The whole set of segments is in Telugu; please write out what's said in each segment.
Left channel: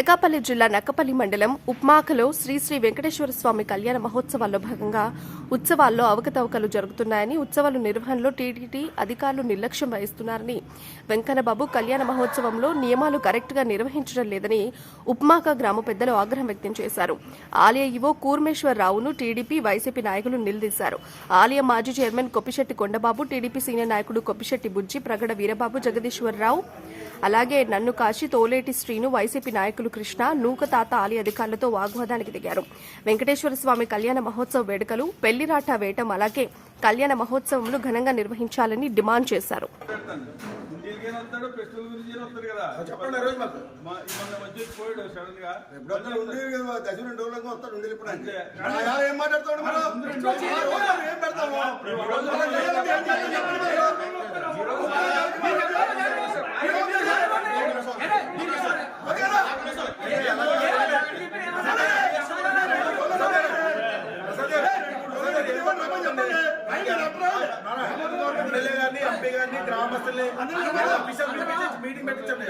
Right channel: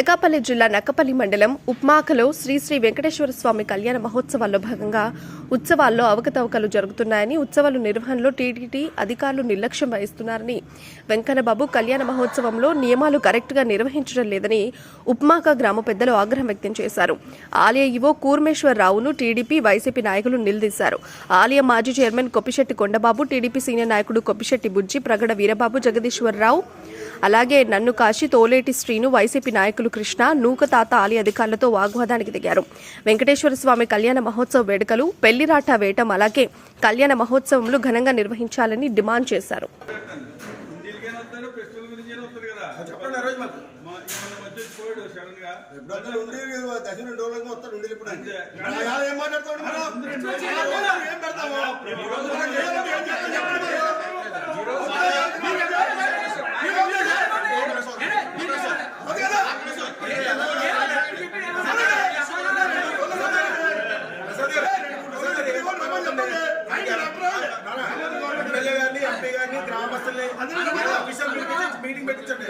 అనకాపల్లి జిల్లా నక్కపల్లి మండలం ఉప్మాకలో శ్రీ శ్రీ వెంకటేశ్వర స్వామి కళ్యాణ మహోత్సవాల్లో భాగంగా ఉత్సవాల్లో అవకతవకలు జరుగుతున్నాయని, ఉత్సవాల నిర్వహణలో టీటీడీ అధికారులు నిర్లక్ష్యం వహిస్తున్నారని, వెంకన్నబాబు కళ్యాణ మహోత్సవంలో నియమాలు కరెక్ట్గా నిర్వహించడం లేదని ఉప్మాక గ్రామ పెద్దలు ఆగ్రహం వ్యక్తం చేశారు. ఆలయ ఈవో కూర్మేశ్వరరావును టీడీపీ, వైసీపీ నాయకులు నిలదీశారు. ఆలయ మాజీ chairman Koppisetti Kondababu, TDP senior నాయకుడు కొప్పిశెట్టి బుజ్జి, ప్రగడ వీరబాబు, జగదీశ్వరరావు, అలాగే నన్ను కాశీ, తోలేటి శ్రీను, వైసీపీ నాయకులు కృష్ణ, నూకతాత ఆలయ అధికారులతో వాగ్వాదానికి దిగారు. వెంకటేశ్వర స్వామి కళ్యాణ మహోత్సవ వేడుకలు, పెళ్లిరాట వేయటం, అలాగే కళ్యాణ మహోత్సవంలో ఘనంగా నిర్వహించాలని డిమాండ్ చేశారు. మీటింగ్ పెట్టించండి.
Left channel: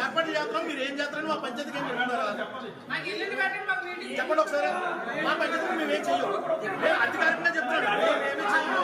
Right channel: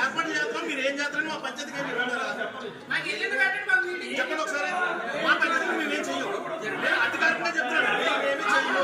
ఏర్పాటు చేస్తాం, మీరు ఏం చేస్తారని మా పంచాయతీకి చెప్పండి ఒకసారి. మా పంచాయతీ మేము ఏం చెయ్యం, అధికారికంగా చెప్తున్నాడు, మేమేమి చెయ్యం.